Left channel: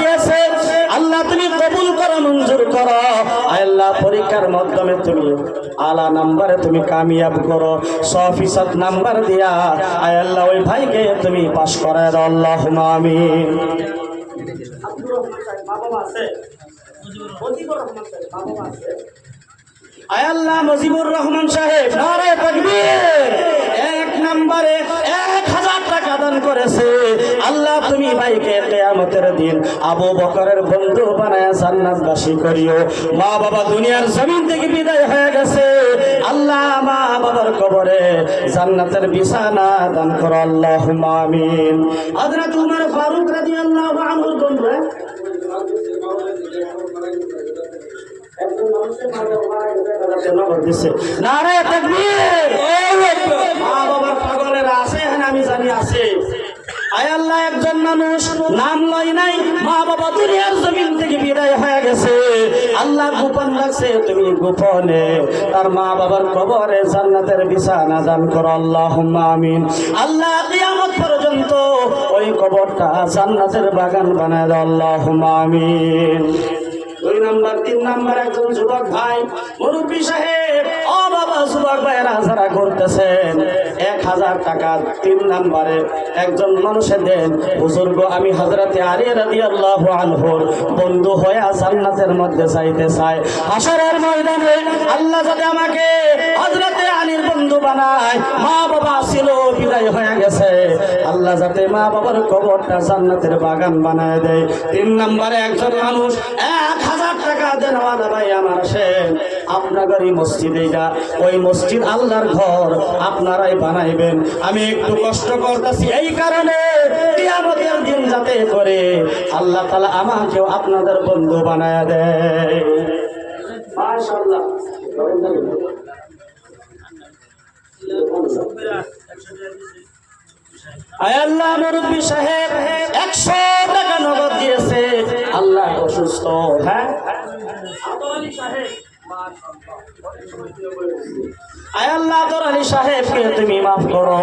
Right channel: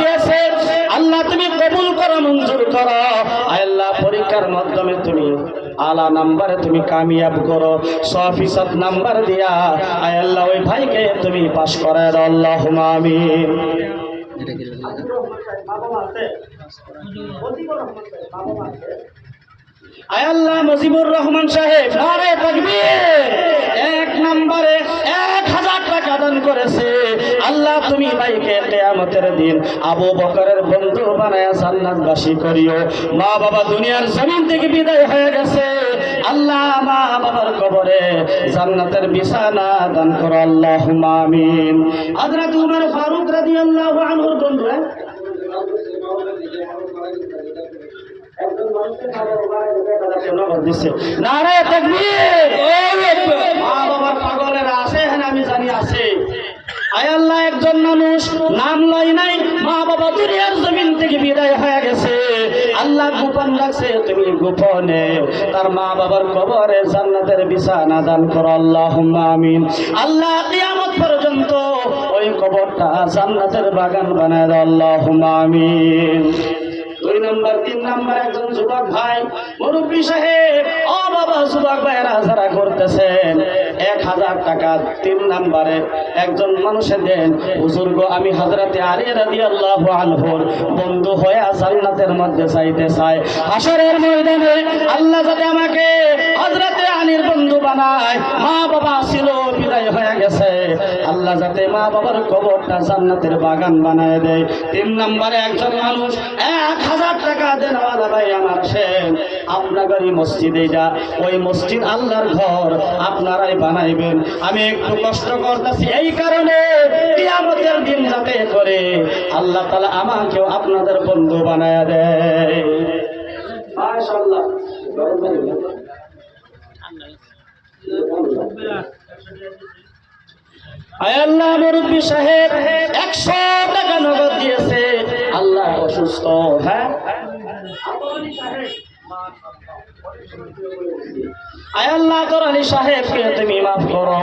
দিয়েছে আল্লাহ তুমি কবুল করো, মঞ্জুর করো। আল্লাহ পরীক্ষার মাধ্যমে তুমি আলা নাম্বারে তুমি কামিয়াব করো, 100% নাম্বার দিয়া আল্লাহ ওই ভাইকে তুমি পাস করায় দাও, আল্লাহুম্মা আমিন। আল্লাহ মুজিবুর রহমান সাহেব নারে তাকবীর, 1 নম্বরে 1000 টাকা দান করেছে। আল্লাহ তুমি ভাইকে কিয়ামতের দিন আবু বকরের বন্ধু বানায় জান্নাতবাসী করিও। মা বাবা দুনিয়ার জমিন থেকে বিদায় হয়ে গেছে, আল্লাহ মা বাবার কবরে জান্নাতের বিছানা দান করো, আল্লাহুম্মা আমিন। হযরত উমর ফারুক রাদিয়াল্লাহু আনহুর বন্ধু নারে তাকবীর, মা বাবার পাগলের আছে আমি জানি আছে। আয় আল্লাহ একজন মানুষ নাম লয় নাই, মা বাবা দুনিয়ার জমিন থেকে বিদায় হয়ে গেছে, আল্লাহ গোপন রাখছে, তুমি গোপনে তার মা বাবার কবরে জান্নাতের বিছানা দান করো, আল্লাহুম্মা আমিন। আল্লাহ কিয়ামত পর্যন্ত ওই কবরটা জান্নাতের বাগান বানায় দাও, আল্লাহুম্মা আমিন। 2 নম্বর 3 নম্বর একজন যুবক ভাই মুরব্বী সাহেব, ও বাবা যুবক ভাইরা যারা করতেছেন 1000 টাকা 3 নম্বরে একজন মানুষের দেন। হুজুর গো আমি হযরতে আলী রাদিয়াল্লাহু আনহুর বন্ধু হয়ে জান্নাতের মধ্যে যাইতে চাই, হাশরের ময়দানে আল্লাহ যাতে আমাকে হযরতে আলীর বন্ধু বানায়, মা বাবা ছিল বিদায় হয়ে গেছে, আল্লাহ যাতে মা বাবার কবরটা জান্নাতের বাগান বানায় দেয়। 3 নম্বরে একজন মানুষ 1000 টাকা দেন, ওয়ালা ভাই আমার আসেন আপনাদেরই মসজিদে যা, ওই মসজিদ আল্লাহর ঘর আপনারাই বানাইবেন। আমি একটু কষ্ট করতেছি এই কারণে কিয়ামতের দিন যাতে করে আল্লাহ তাআলা আমাকেও আপনাদের বন্ধু বানায় দেয়। মাশাআল্লাহ। আল্লাহ মুরব্বী সাহেব 100 টাকা নগদ দিয়েছে, আল্লাহ অসুস্থ, হ্যাঁ আল্লাহ আলী সাহেবকে তুমি মাফ করো,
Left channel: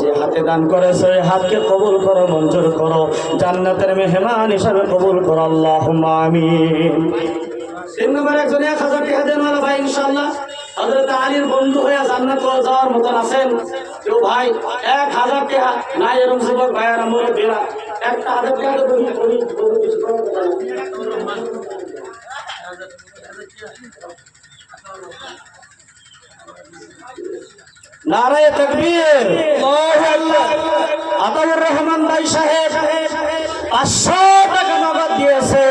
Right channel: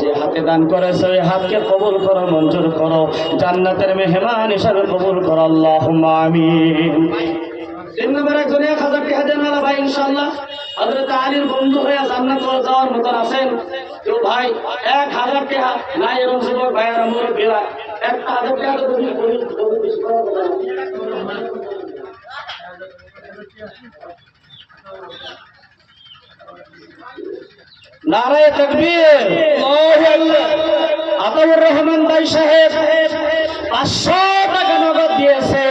যে হাতে দান করেছে ওই হাতকে কবুল করো, মঞ্জুর করো, জান্নাতের মেহমান হিসাবে কবুল করো, আল্লাহুম্মা আমিন। 3 নম্বর একজন 1000 টাকা দেন ওয়ালা ভাই, ইনশাআল্লাহ হযরত আলীর বন্ধু হয়ে জান্নাতে যাওয়ার মতো আছেন কেউ ভাই? 1000 টাকা নাই এরকম যুবক ভাইয়ের মুরব্বীরা 1000 টাকা তো তুমি করি বেশি করে নারে তাকবীর, আল্লাহু আকবার। আতাউর রহমান ভাই সাহেব 500 টাকা নগদ দিয়েছে,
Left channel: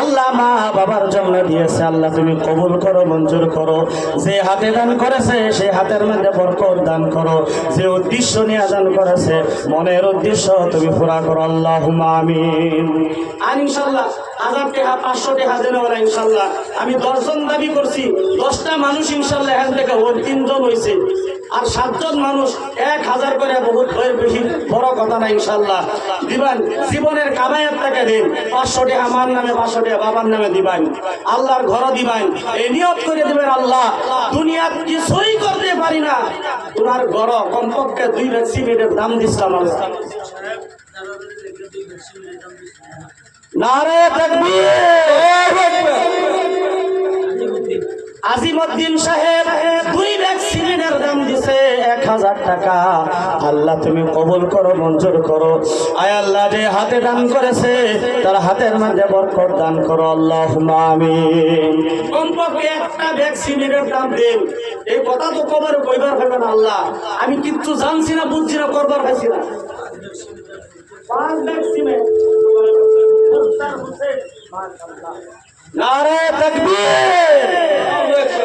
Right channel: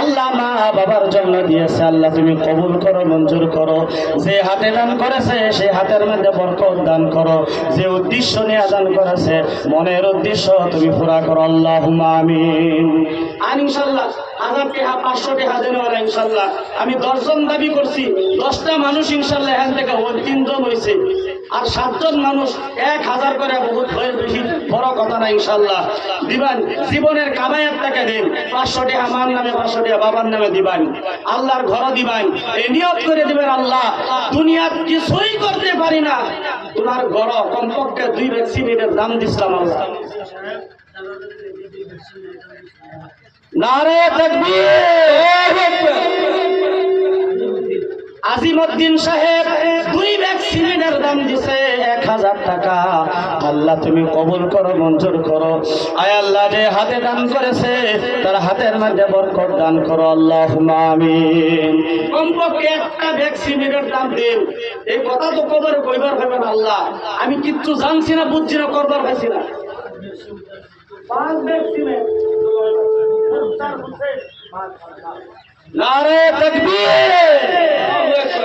আল্লাহ মা বাবার জন্য দিয়েছে, আল্লাহ তুমি কবুল করো, মঞ্জুর করো। যে হাতে দান করেছে সেই হাতের মধ্যে বরকত দান করো, যে উদ্দেশ্য নিয়ে দান করেছে মনের উদ্দেশ্য তুমি পুরা করো, আল্লাহুম্মা আমিন। আর ইনশাআল্লাহ 1000 টাকা 500 টাকা দেন ওরা, ইনশাআল্লাহ আমি 10 জন দাবি করছি, 10টা মানুষ ইনশাআল্লাহ এখান থেকে 3 জন হয়েছে, আর 7 জন মানুষ 1000 করে বহুত বেশি বড় কথা না, ইনশাআল্লাহ দিবেন। জীবনের কামাইয়ের টাকা দিন, 500 টাকা আমার নামে, 500 টাকা বাবার নামে দিবেন, আল্লাহর ঘর দিবেন, এই নিয়ত করে দিবেন, আল্লাহ দুনিয়া কিছুই করতে পারি না, তোমার ঘর কমপক্ষে 2 ব্যাগ সিমেন্টের দাম দিছিলাম, আল্লাহ নারে তাকবীর, আল্লাহু আকবার। আজিমউদ্দিন সাহেব 2 ব্যাগ সিমেন্টের দাম দিছে 1000 টাকা, আল্লাহ তুমি কবুল করো, মঞ্জুর করো। আয় আল্লাহ যে হাতে দান করেছে তার হাতের মধ্যে বরকত দান করো, আল্লাহুম্মা আমিন। কমপক্ষে 1টা ব্যাগ সিমেন্টের দাম দিন, এই কথা তো কবর কইবার হবে না, আল্লাহ আমি কিচ্ছু জানছি না, বুঝছি না, করবার পাইছি না। 5 ব্যাগ সিমেন্ট, নারে তাকবীর,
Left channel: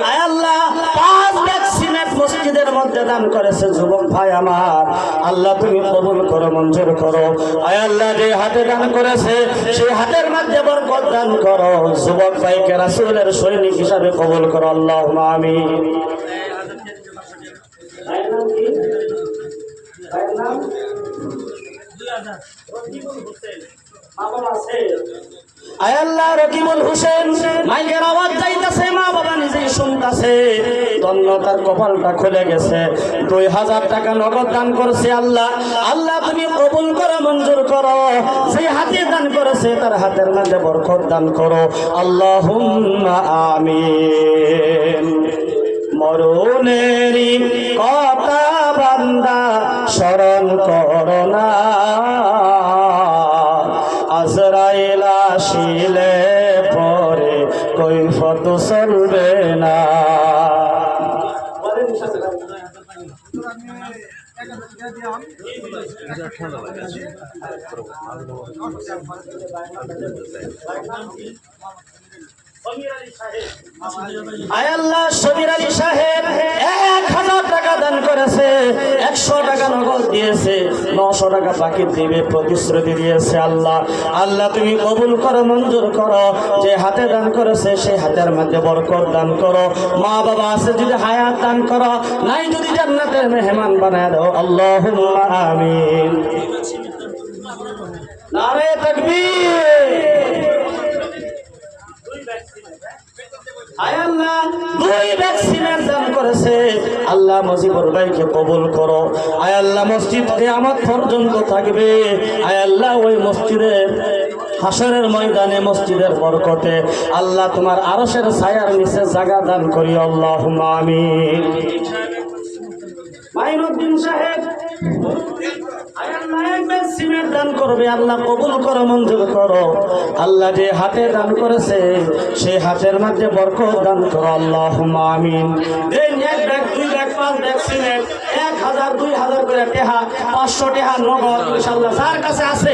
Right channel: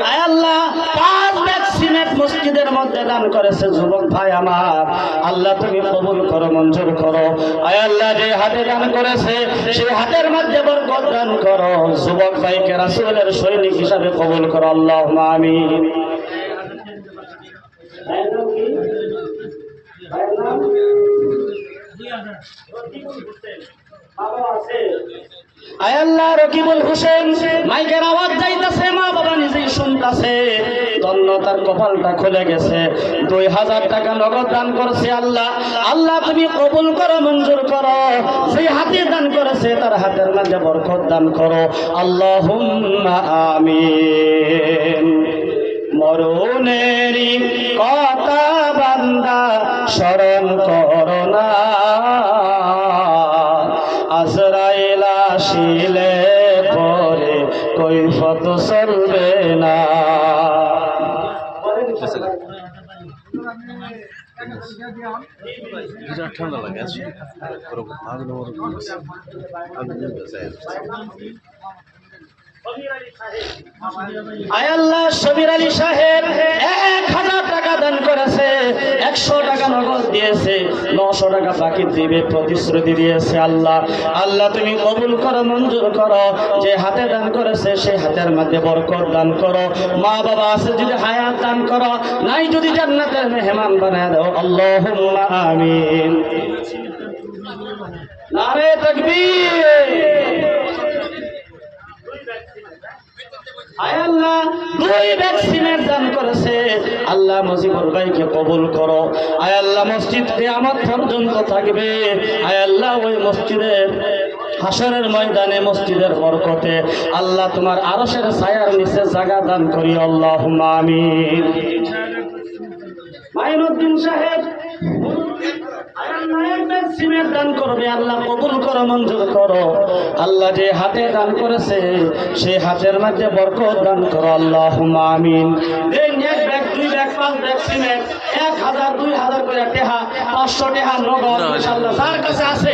আয় আল্লাহ 5 ব্যাগ সিমেন্ট মসজিদের মধ্যে দান করেছে যুবক ভাই আমার, আল্লাহ তুমি কবুল করো, মঞ্জুর করো। আয় আল্লাহ যে হাতে দান করেছে সেই হাতের মধ্যে বরকত দান করো, যুবক ভাইকে রাসূলের সৈনিক হিসাবে কবুল করো, আল্লাহুম্মা আমিন। ভাইয়ের নাম কি? ভাইয়ের নাম বাবা আছে, আয় আল্লাহ রকিবুল হোসেন, মাইকের আওয়াজ যাইতাছে, মা বাবা নিজেই শুনতাছে, ধন্য তার কপালটা খুলে গেছে, 2000 টাকা নগদ দান করছে, আল্লাহ আল্লাহ তুমি কবুল করো, মঞ্জুর করো। সেই হাতে দান করেছে আছে তার হাতের মধ্যে বরকত দান করো আল্লাহুম্মা আমিন। মরণেরই কথা বান্দা স্মরণ করো না, আজরাইল আসিলে পরে কৈফত চলবে না। আয়াল্লাহ শবির আলী সাহেব 1000 টাকা দান করেছে, 100 টাকা নগদ দিয়েছে, 900 টাকা বাকি দিবে প্রতিশ্রুতি দিয়েছে। আল্লাহ আল্লাহ তুমি কবুল করো, মঞ্জুর করো। যে হাতে দান করেছে সেই হাতের মধ্যে বরকত দান করো। মা বাবা আছে যদি হায়াত দান করো, নাই যদি জান্নাতের মেহমান বানায় দাও আল্লাহুম্মা আমিন। নারে তাকবীর। আল্লাহ 2 ভ্যাকসিনের দান করেছে, আল্লাহ মুজিবুর ভাইকে কবুল করো। আয় আল্লাহ মসজিদ কিয়ামত পর্যন্ত থাকবে। আয় আল্লাহ ওই মসজিদের হাসরের ময়দানে মসজিদের বরকতে আল্লাহ তোমার আরশের ছায়ার নিচে জায়গা দান করি আল্লাহুম্মা আমিন। মাইনুদ্দিন সাহেব সিমেন্ট দান করবে, আল্লাহ কবুল করো, মঞ্জুর করো। আল্লাহ যে হাতে দান করেছে সেই হাতের মধ্যে বরকত দান করো আল্লাহুম্মা আমিন। দেন 1 ব্যাগ 2 ব্যাগ 5 ব্যাগ সিমেন্ট, 1000 2000 করে টাকা, 500 টাকা নগদ ইনশাআল্লাহ যার কাছে আছে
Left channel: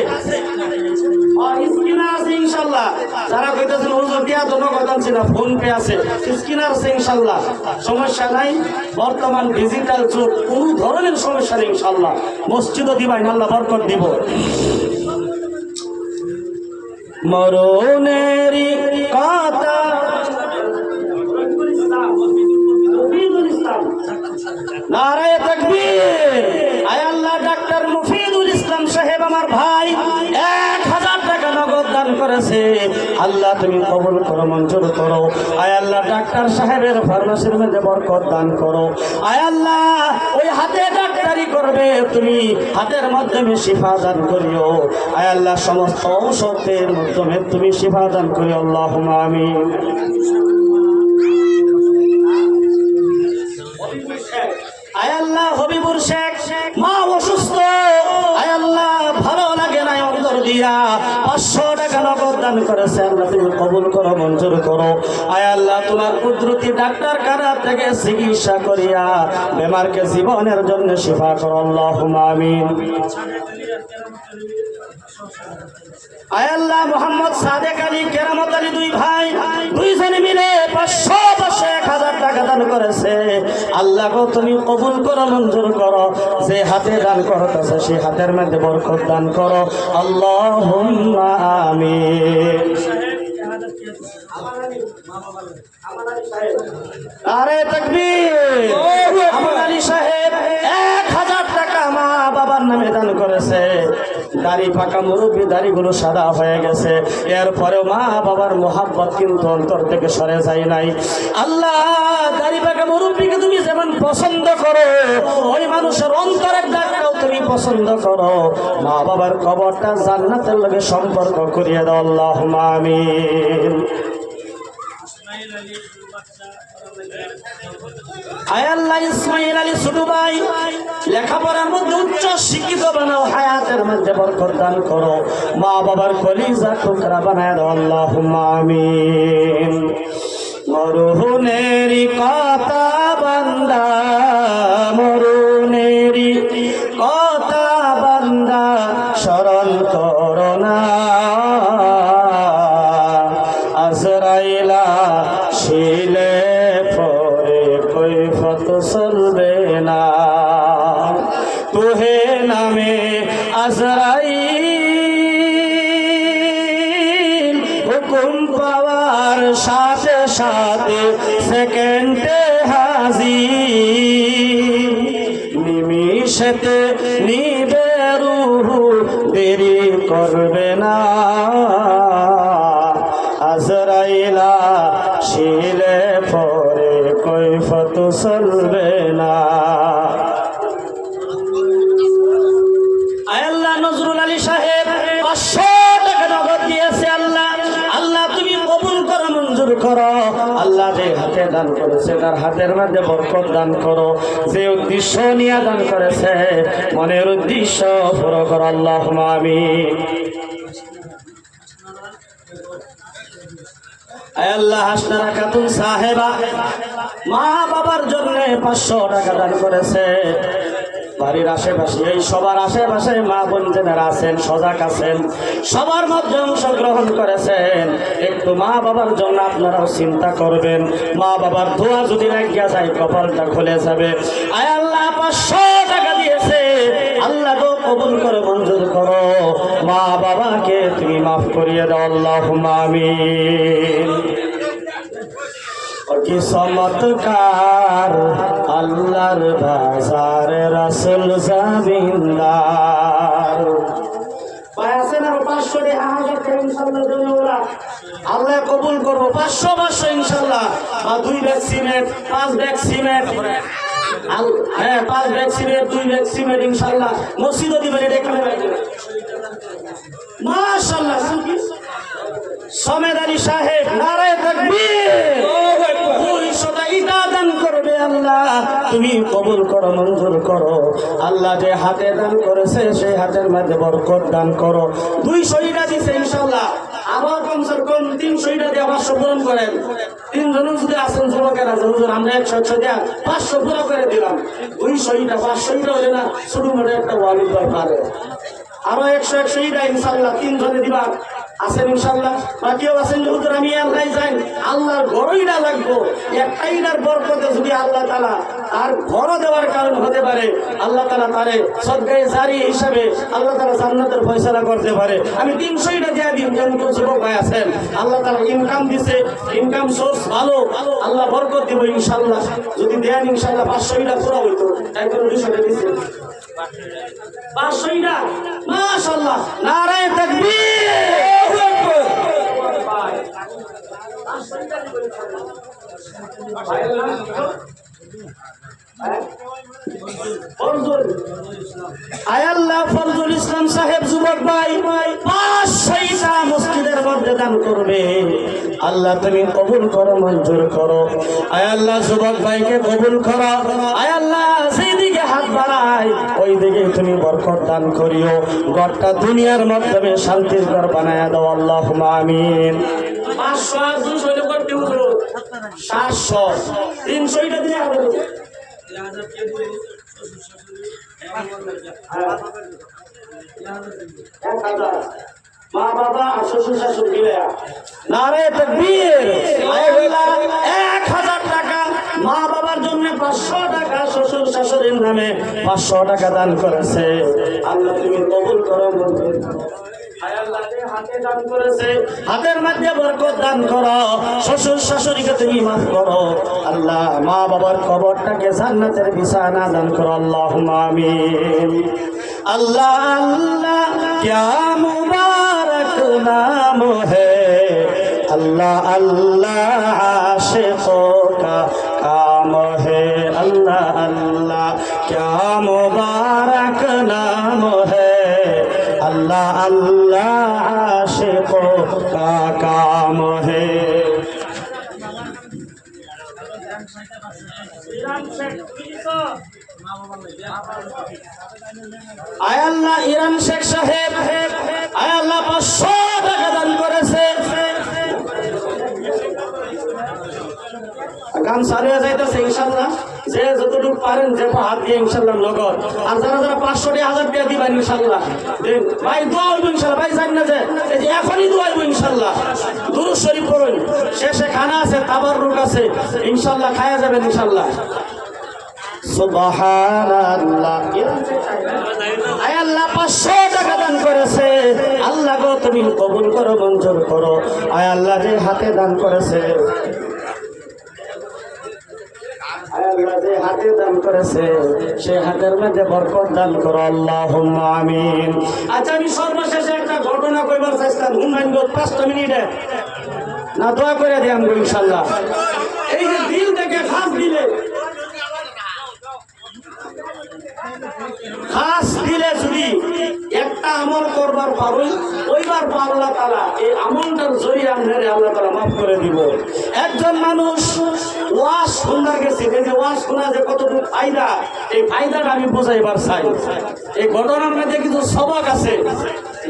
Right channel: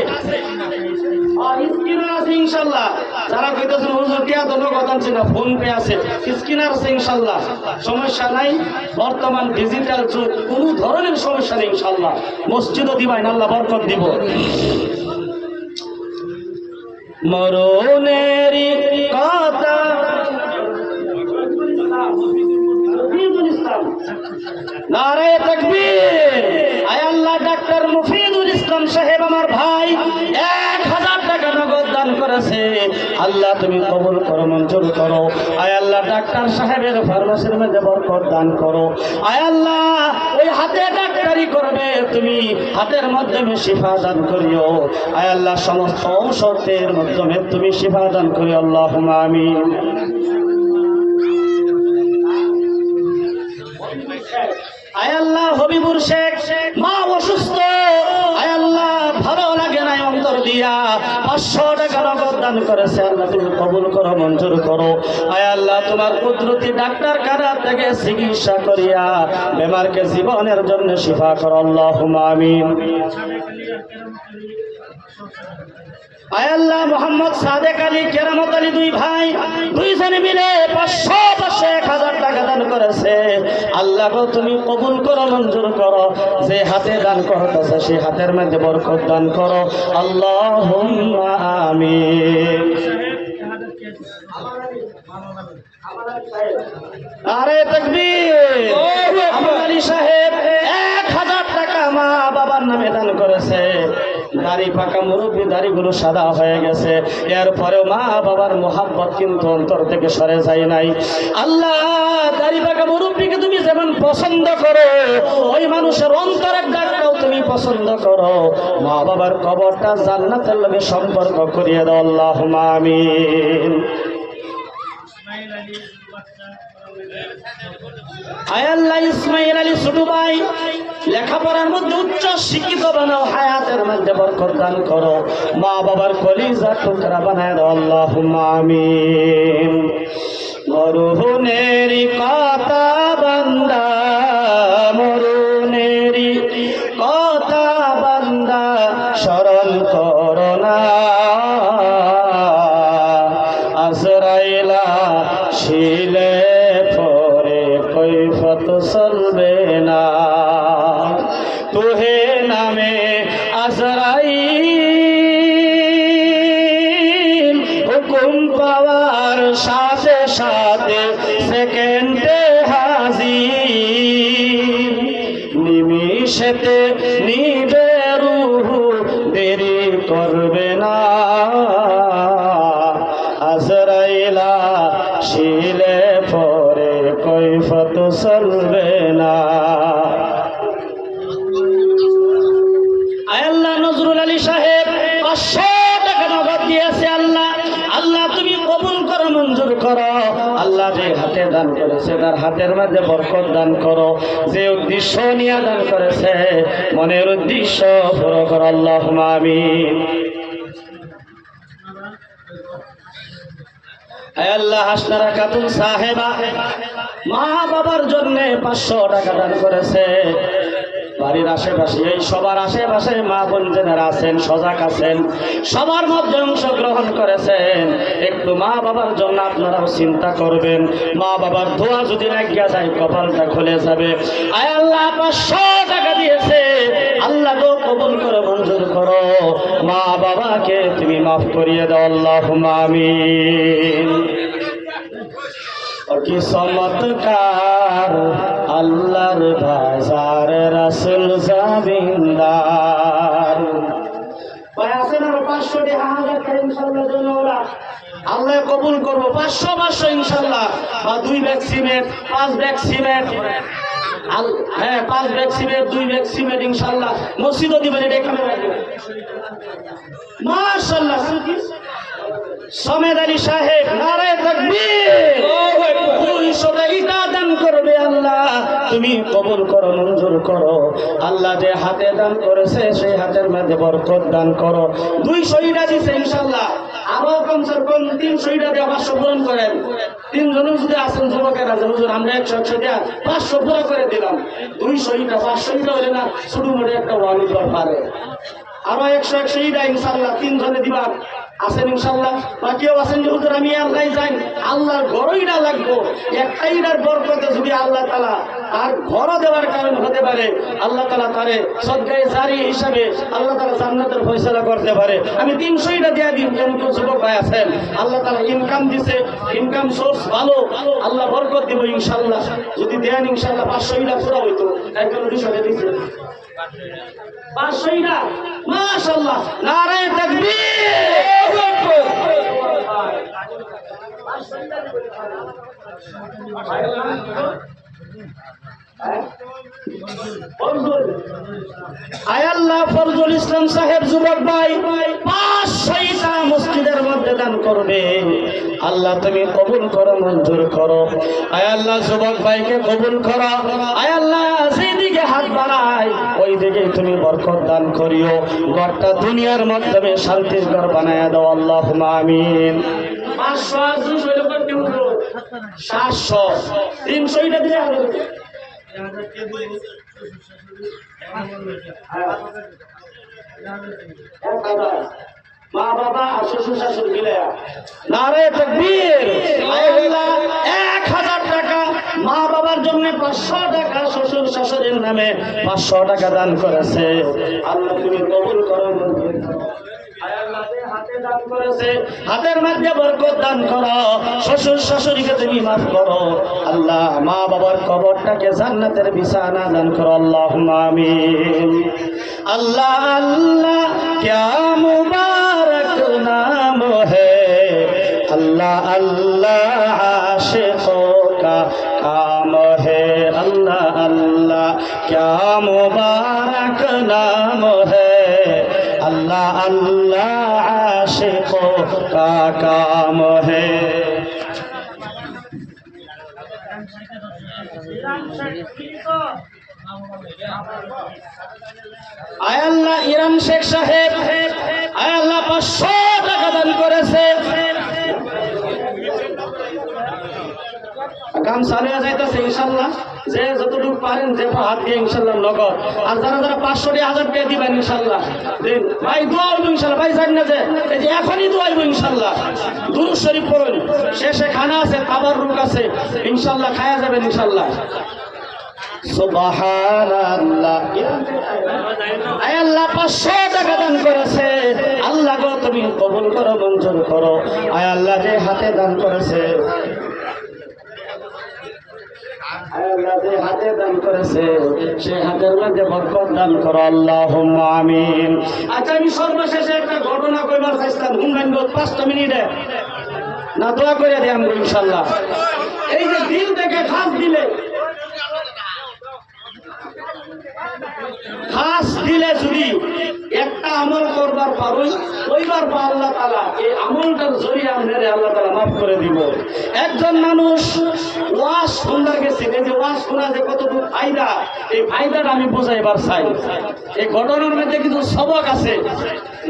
আর স্ক্যানার আছে ইনশাআল্লাহ। যারা কইতেছেন হুজুর কে তো নগদ আনছে না, ফোন পে আছে, স্ক্যানার আছে ইনশাআল্লাহ, সমস্যা নাই। বর্তমান ডিজিটাল যুগ, কোনো ধরনের সমস্যা নেই ইনশাআল্লাহ। মসজিদও দিবাই আল্লাহ বরকত দিব। মরণেরই কথা নারায়ে তাকবীর। আয় আল্লাহ ডাক্তার মুফিদুল ইসলাম সাহেব আমার ভাই 1000 টাকা নগদ দান করেছে, আল্লাহ তুমি কবুল করো, মঞ্জুর করো। আয় আল্লাহ ডাক্তার সাহেবের ফার্মেসির মধ্যে বরকত দান করো। আয় আল্লাহ ওই হাতে ডাক্তারি করবে, তুমি হাতের মাধ্যমে শিফা দান করিও। আয় আল্লাহ সমস্ত ঔষধের মাধ্যমে তুমি শিফা দান করিও আল্লাহুম্মা আমিন। আয় আল্লাহ হবিবুর শেখ মা অসুস্থ, আয় আল্লাহ ভালো লাগে না অন্তর দিয়া 500 টাকা নগদ দান করেছে, আল্লাহ তুমি কবুল করো, মঞ্জুর করো। আয় আল্লাহ তোমার কুদরতি ডাক্তার খানা থেকে চিকিৎসা করিয়া বেমারকে জীবনের জন্য শিফা করো আল্লাহুম্মা আমিন। আয় আল্লাহ মোহাম্মদ সাদেক আলী কেরামত আলী 2 ভাই 2 জনে মিলে 500 1000 টাকা দান করেছে, আল্লাহ গো তুমি কবুল করো, মঞ্জুর করো। যে হাতে দান করতেছে সেই হাতের মধ্যে বরকত দান করো আল্লাহুম্মা আমিন। নারে তাকবীর। আমার আলী সাহেব 1000 টাকা মা বাবার নামে দান করেছে। দাড়ি পাকা মুরব্বী, দাড়িগুলো সাদা হয়ে গেছে, এরপরেও মা বাবার মোহাব্বত কিন্তু অন্তর থেকে সরে যায় নাই। আল্লাহ দাড়ি পাকা মুরব্বীকে তুমি যেমন পছন্দ করো, ওই মানুষের অন্তরের ডাকটাও তুমি পছন্দ করো। মা বাবার কবরটা জান্নাতের লগে সম্পর্ক করিয়ে দাও আল্লাহুম্মা আমিন। আয় আল্লাহ ইসমাইল আলী ছোট ভাই লেখাপড়ার মধ্যে উচ্চ শিক্ষিত বানাও, হায়াতের মধ্যে বরকত দান করো। মা বাবার কলিজা টুকরা বানায় দাও আল্লাহুম্মা আমিন। মরহুনেরই কথা বান্দা, মরহুনেরই কথা বান্দা স্মরণ করো না, আজরাইল আসিলে পরে কৈফত চলবে না। তোহে নামে আজরাইল হুকুম পাওয়ার করো। আল্লাহ যে হাতে দান করেছে তার হাতের মধ্যে বরকত দান করো। যে উদ্দেশ্য নিয়ে দান করেছে মনের উদ্দেশ্য পুরো করো। আল্লাহুম্মা আমিন। আল্লাহ হাসনারা খাতুন সাহেবা মা বাবার জন্য 500 টাকা দান করেছে। বাড়ির আশেপাশে এই সবার আশেপাশে মা বোন যারা আছেন সজাগ আছেন সবার মধ্যে অংশগ্রহণ করেছেন। একটু মা বাবার জন্য আপনারাও চিন্তা করবেন। মা বাবার দোয়া যদি লাগিয়া যায় কপালটা খুলে যাবে। আয় আল্লাহ 500 টাকা দিয়েছে, আল্লাহ গো কবুল করো, মঞ্জুর করো। মা বাবাকে তুমি মাফ করিয়ে দাও। আল্লাহুম্মা আমিন। কি চমৎকার আল্লাহর বাজার রাসূল জামিনদার। পাঁচশো টাকা 1000 টাকা ইনশাআল্লাহ দেবো ওরা। আল্লাহ কবুল করবো। 500 ইনশাআল্লাহ। বা 2 ব্যাগ সিমেন্ট, 5 ব্যাগ সিমেন্ট, হ্যাঁ 5 ব্যাগ সিমেন্ট, 2 ব্যাগ সিমেন্ট ইনশাআল্লাহ মসজিদও দিবেন। এটা কেমন লাগবে? মাশাআল্লাহ। সমেদ আলী সাহেব নারায়ে তাকবীর। 200 টাকা দান করবে। আল্লাহ তুমি কবুল করো, মঞ্জুর করো। আল্লাহ যে হাতে দান করেছে সেই হাতের মধ্যে বরকত দান করো। 200 টাকা দিছে ইনশাআল্লাহ। আবার কমসে কম 300 টাকা দিয়ে 500 পূরণ করেন। 3 জন যদি আছেন যুবকেরা হুজুর আমরা 100 দিয়ে 500 পুরো করে দিলাম। 200 টাকা 500 টাকা হলে না ছোট মোটো একটা ওয়ালি পারে। আরো 100 টাকা ইনশাআল্লাহ 3 জনে দিবা আছেন ইনশাআল্লাহ। বাকিও আছেন যে হুজুর আমি আল্লাহ যাই আল্লাহর ঘরই না লাগবো। একটাইনার বরকতে যদি আল্লাহ তাআলা আর ঘর দেওয়ার কারণ হতে পারে আল্লাহ তাআলা তারে সদকায়ে জারি হিসাবে আল্লাহ তাআলা জান্নাতের ফয়সালা করতে পারে। আমি 300 টাকা দিয়ে দিন। কোন যুবক ভাই আছেন আল্লাহ তাআলা ইনকাম দিছে, ইনকাম সোর্স ভালো, আল্লাহ বরকত দিব ইনশাআল্লাহ। যদি দেন ইনশাআল্লাহ 500 টাকা পুরো হইতো। তাই কোন 200 টাকা দিছে 500 টাকা। মাশাআল্লাহ নারায়ে তাকবীর। আয়াল্লাহ ফরজুল ইসলাম সাহেব যুবক ভাই 500 টাকা মসজিদের মধ্যে দান করবে। আল্লাহ তুমি কবুল করো, মঞ্জুর করো। আয়াল্লাহ যুবক ভাইকে কবুল করো। আয়াল্লাহ যেদিকে হাত বাড়ায় ওই দিকে তুমি বরকত দান করিও। ঘরটা দুনিয়ার মাধ্যমে শান্তির ঘর বানায়া দাও। আল্লাহুম্মা আমিন। 500 আর 200 হইলো কত হুজুর? 700 300 টাকা দিয়ে হবে। 1000 মা বাবা আর শ্বশুর শাশুড়ি মিলে নারায়ে তাকবীর। আল্লাহ 1000 টাকা মা বাবার জন্য, 500 টাকা শ্বশুর শাশুড়ির নামে 500 টাকা দান করেছে। আল্লাহ তুমি কবুল করো, মঞ্জুর করো। হাতে দান করেছে হাতের মধ্যে বরকত দান করো। শ্বশুর শাশুড়িকে তুমি মাফ করো। আল্লাহ মা বাবার কবরটাকে জান্নাতের বিছানা দান করো। আল্লাহুম্মা আমিন। আল্লাহ আল্লাহ क्या मुबारक नाम है। अल्लाह अल्लाह आशिकों का काम है। अल्लाह अल्लाह क्या मुबारक नाम है। अल्लाह अल्लाह आशिकों का काम है। আয় আল্লাহ ইরান শেখ সাহেব আয় আল্লাহ 500 টাকা দান করেছে। কাম চালিয়ে যাইতেছে ইনশাআল্লাহ। যে যতটুকু পারেন যে হাত দিয়ে ইনশাআল্লাহ লগত। আর যারা যারা 500 টাকা 1000 টাকা দিবেন ইনশাআল্লাহ দিন। ভাই দোয়া হইব ইনশাআল্লাহ। ভাই জানেন না যে এই যে এখনই দোয়া হইব ইনশাআল্লাহ। দুরূদ শরীফ পড়ুন। শেষে খানা আছে, তাবাররুক আছে ইনশাআল্লাহ, খায়া যাবেন ইনশাআল্লাহ। সুবহানাল্লাহ। আয় আল্লাহ 500 টাকা দান করেছে। আল্লাহ গো তুমি কবুল করো, মঞ্জুর করো। আয় আল্লাহ যে হাতে দান করেছে আল্লাহ যে হাতে দান করেছে সে হাতের মধ্যে বরকত দান করো। আল্লাহুম্মা আমিন। আচ্ছা আমি সর্বশেষে একটা ঘটনা কইবার চাইতাম। হুমায়ুন 5 মিনিটে না দোয়া করে দিই আমি ইনশাআল্লাহ। এই যে দিল থেকে খাস দিলে খাস দিলে যদি একটা আমল করবার পারুন, ওইবার আল্লাহ তাআলা এই আমলটার জরিয়া মেরে আল্লাহ তাআলা মাফ করে দিব। একজন মানুষ ওয়াজ শুনতে গেছে, এই যে ওয়াজ শোনা যে কতটুকু ফায়দা, এই ফায়দাটা আমি বোঝাইবার চাই। এই ঘটনার মধ্যে কিছু সবক আছে,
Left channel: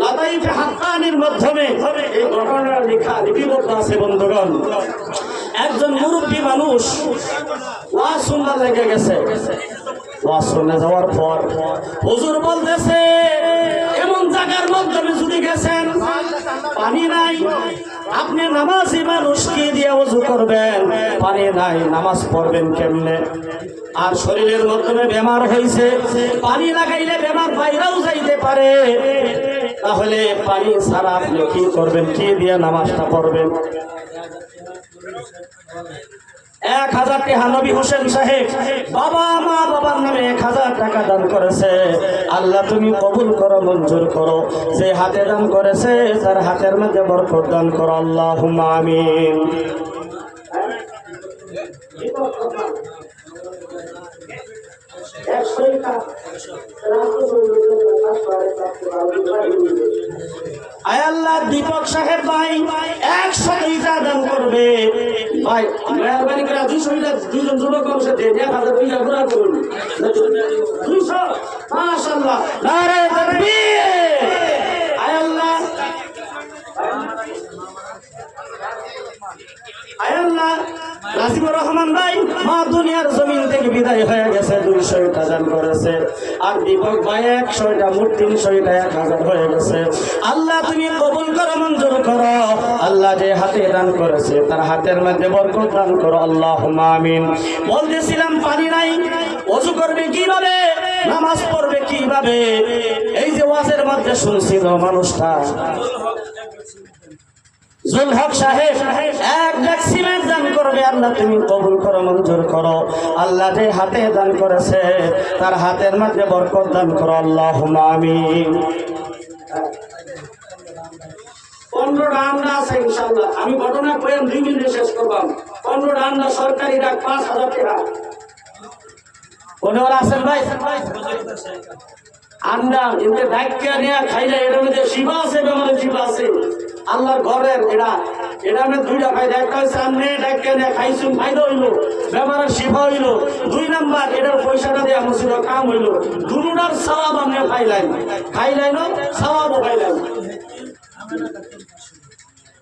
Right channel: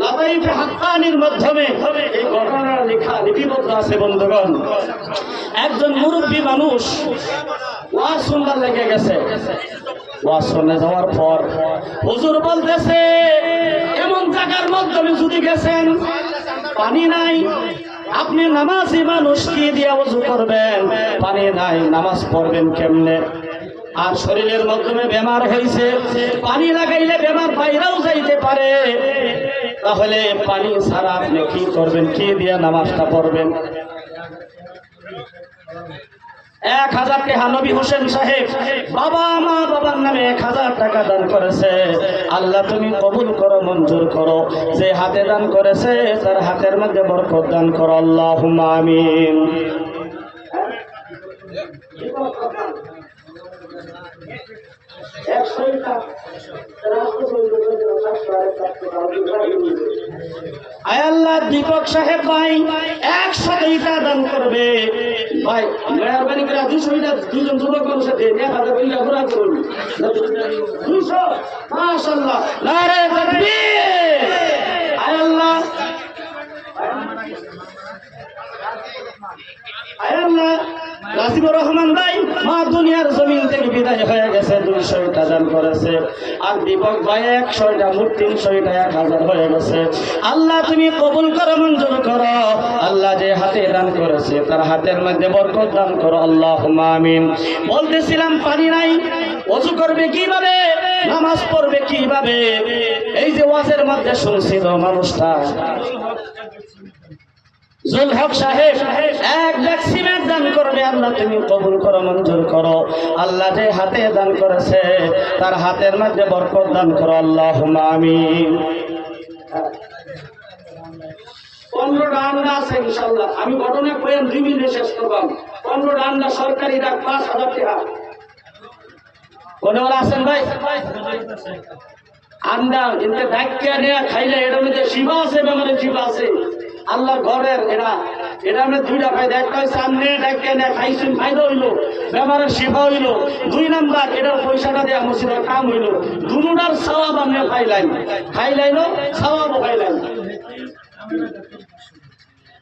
লাতাইফে হাক্কানির মাধ্যমে এই ঘটনার লেখা লিপিবদ্ধ আছে। বন্ধুগণ, একজন মুরব্বী মানুষ ওয়াজ শুনতে লেগে গেছে। ওয়াজ শুনে যাওয়ার পর হুজুর বলতেছে, এমন জায়গার মধ্যে যদি গেছেন পানি নাই, আপনি নামাজি মানুষ কি দিয়ে ওযু করবেন? পানি নাই, নামাজ পড়বেন কেমনে? আর শরীরের মাধ্যমে বেমার হয়েছে, পানি লাগাইলে বেমার বাইরেও যাইতে পারে, তাহলে পানি ছাড়া আপনি কি করবেন? কি দিয়ে নামাজটা পড়বেন? 1000 টাকা নবী হোসেন সাহেব বাবা মা বাবার নামে 1000 টাকা দান করেছে। আল্লাহ তুমি কবুল করো, মঞ্জুর করো। যে হাতে দান করেছে তার হাতের মধ্যে বরকত দান করো, আল্লাহুম্মা আমিন। আয় আল্লাহ, দীপক সাহেব ভাই 100 টাকা দান করবে। ভাই মেহরবানি করে 200 টাকা দুজন যুবক মানুষের দেন, 1000 টাকা ঘোরা করুন। 200, মাশাআল্লাহ, নারে তাকবীর। আয় আল্লাহ, আয় আল্লাহ, রাজিবুর রহমান ভাই মা দুনিয়ার জমিন থেকে বিদায় হয়ে গেছে, 200 টাকা দান করেছে। আর দীপক ভাই 100 টাকা, মোট 300 টাকা, 1000 হয়ে গেছে। আল্লাহ তুমি কবুল করো, মঞ্জুর করো। আল্লাহ যে হাতে দান করেছে তার হাতের মধ্যে বরকত দান করো, আল্লাহুম্মা আমিন। বলতেছিলাম পানি নাই, ওযু করবে কিভাবে? নামাজ পড়বে কিভাবে? এই যে ওয়াজের মধ্যে শুনছিল মানুষটা জুল হক সাহেব 1 ব্যাগ সিমেন্ট দান করবে। আল্লাহ তুমি কবুল করো, মঞ্জুর করো। আল্লাহ যে হাতে দান করেছে তার হাতের মধ্যে বরকত দান করো, আল্লাহুম্মা আমিন। 15টা আন্ডা আছে ইনশাআল্লাহ, আমি ঘটনা কইম 2 মিনিটে শেষ করবাম। 15টা আন্ডা সরকারি ডাক 5000 টাকা। কোনওরা আছেন ভাই? আন্ডা কিন্তু ডাক্কে নিয়ে খাইলে এর মধ্যে শিবা আছে, বেমারের শিবা আছে। আল্লাহর ঘরের এটা আমি 2টা ফায়দা। একটা হচ্ছে আপনি ডাক্কে নিয়ে খাইছেন, ফায়দা হইলো, বেমারের শিবা হইলো। 2 নাম্বার এটার পয়সাটা দিয়ে মসজিদের কাম হইলো। দুটার সওয়াব আপনি খাইলাইনো, সওয়াবও পাইলেন।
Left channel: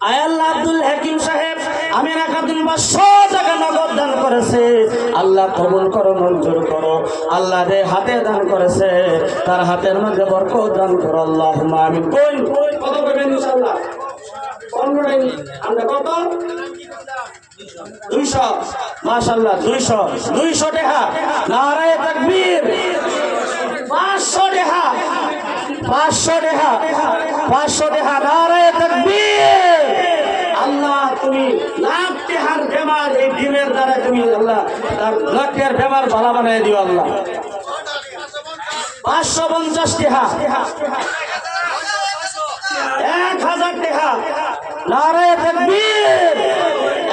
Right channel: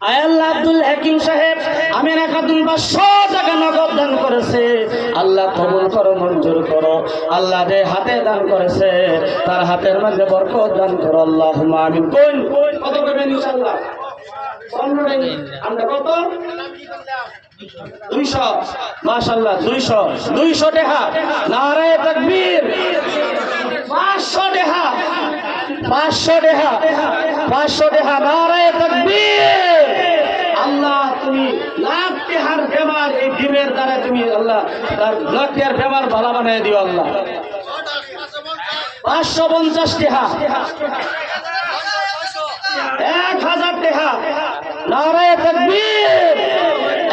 আয় আল্লাহ, আব্দুল হাকিম সাহেব আমেনা খাতুন 500 টাকা নগদ দান করেছে। আল্লাহ কবুল করো, মঞ্জুর করো। আল্লাহ যে হাতে দান করেছে তার হাতের মধ্যে বরকত দান করো, আল্লাহুম্মা আমিন। কোন কত করবেন ইনশাআল্লাহ? 15 আমরা কত? 200, মাশাআল্লাহ, 200 টাকা। নারে তাকবীর। 500 টাকা, 500 টাকা, 500 টাকা। নারে তাকবীর। আল্লাহ তুমি লাখ টাকার বেমার এই ডিমের দ্বারা তুমি আল্লাহ তার লাখের বেমার ভালো বানিয়ে দিও আল্লাহ। 550 টাকা, 1000 টাকা। নারে তাকবীর।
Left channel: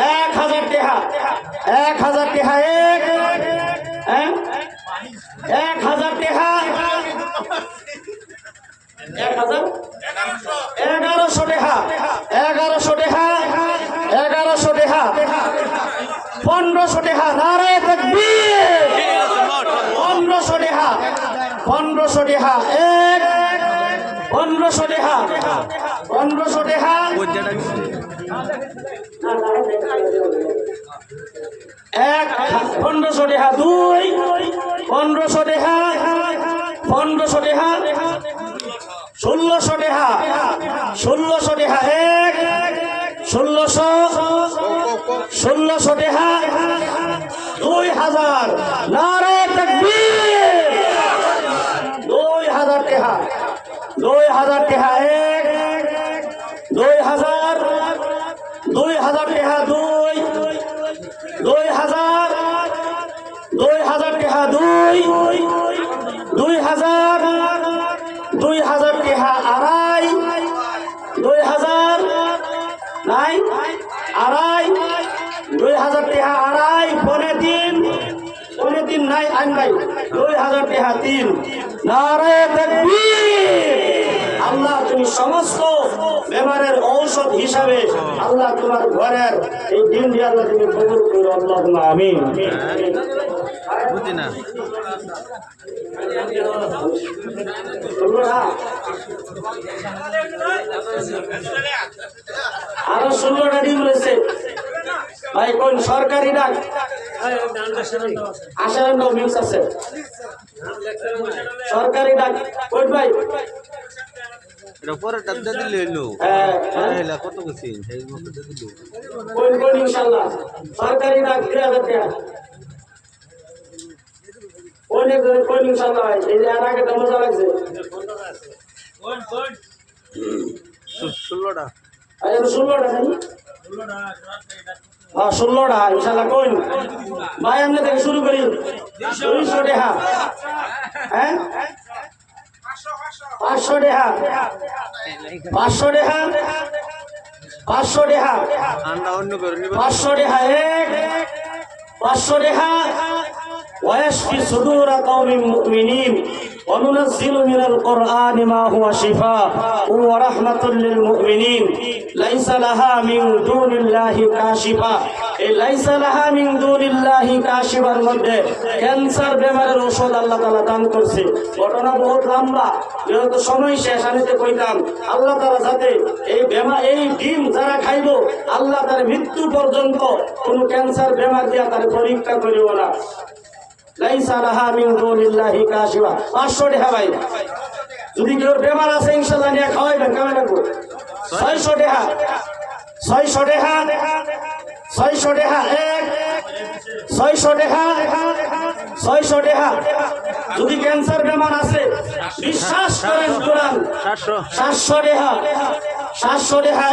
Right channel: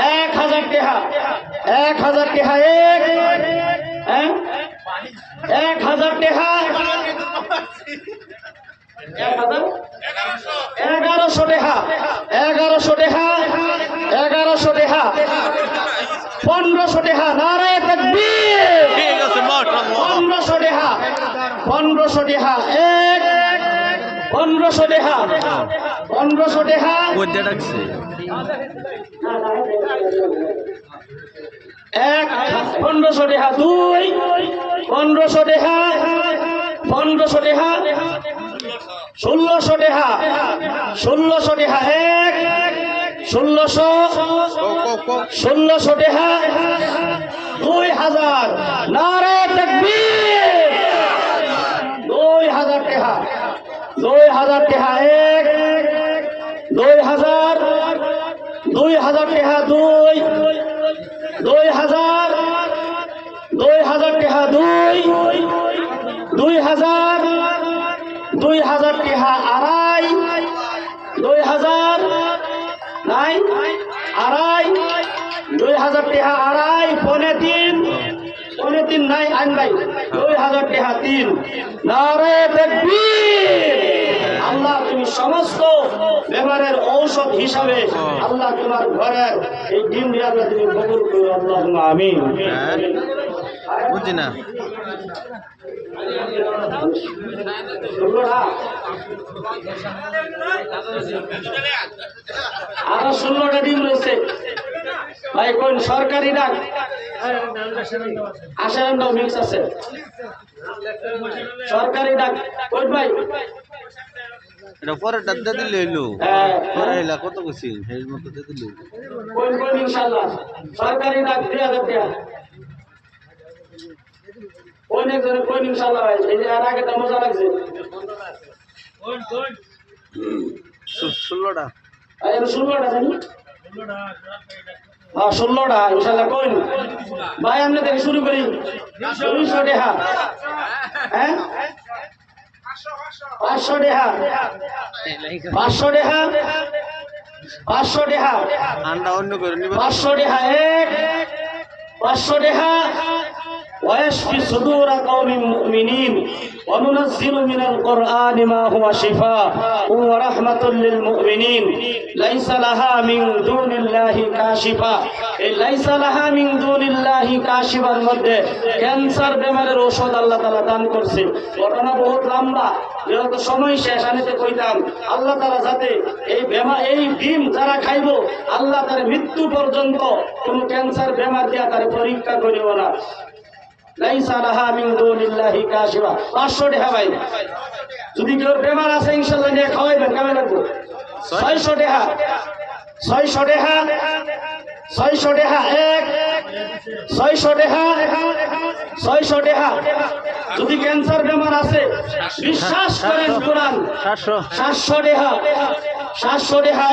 1000 টাকা, 1000 টাকা, 1000 টাকা, 1100 টাকা, 1100 টাকা, 1100 টাকা, 1500 টাকা। নারে তাকবীর। 1500 টাকা, 1500 টাকা, 1500 টাকা, 1500 টাকা, 1500 টাকা, 2, 1500 টাকা, 1500 টাকা, 1600 টাকা, 1600 টাকা, 1600, 1600 টাকা, 2000। নারে তাকবীর। 2000 টাকা, 2000 টাকা, 2000, 2000 টাকা, 2000, 2000 টাকা, 2000, 2000 টাকা, 2.5, 2000 নাই, 2.5, 2000 টাকা, 2.5, 3.5 নাই, আইন ভাই 2000 টাকা, 3। নারে তাকবীর। আল্লাহ তুমি সমস্ত বেমারের ঔষধ হিসাবে আল্লাহ তোমার ঘরের এই দিন দিয়ে আল্লাহ তুমি কবুল করো আল্লাহুম্মা আমিন। বুঝি না আরো 16টা ডিম রয়েছে ভাই, কোন সরকারি ডাক আসার মিক্স আছে সরকারি ডাক কই ভাই? এটা পরে ডাক্তার দিলে এলো হ্যাঁ এলা কত কিছু সেই মতো দিল কোন কোন ইনশাআল্লাহ সরকারি ডাক 2000 টাকা কোন একজন কোন ইনশাআল্লাহ ভাই, এই যে আর আগে তো মজা লাগছে কোন কোন 16টা আরে 16টা জানি 16টা ইনশাআল্লাহ কোন ভাই আমরা থেকে শুরু করি 200 টাকা হ্যাঁ 500 টাকা 500 টাকা 500 টাকা আন্ডা অন্য করে নিবে 500 টাকা 500 টাকা ويشفي صدور قوم مؤمنين وننزل من القرآن ما هو شفاء ورحمة للمؤمنين ليس لها من دون الله كاشفة ليس لها من دون الله كاشفة মধ্যে ক্যান্সার বেমারের ঔষধ আল্লাহ তাআলা দান করছে। ঘটনা বহুত লম্বা, যেহেতু সময় শেষ আমি তো কইতাম আল্লাহ তাআলা যাতে এই ডিম যারা খাইবো আল্লাহ তার মৃত্যু পর্যন্ত কোন ক্যান্সার বেমার দিয়া তার পরীক্ষা করিব না। লাইসা লাহা মিন দুনিল্লাহি কাশিফা 500 টাকা ভাই, যদি কেউ বেমার আছে ইনশাআল্লাহ নিয়ে খাওয়াইবেন কেমন লাগবে? 600 টাকা 600 টাকা 600 টাকা 600 টাকা 600 টাকা। যদি ক্যান্সার বেমার আছে বিশ্বাস করেন কোরআন 700 টাকা 700 টাকা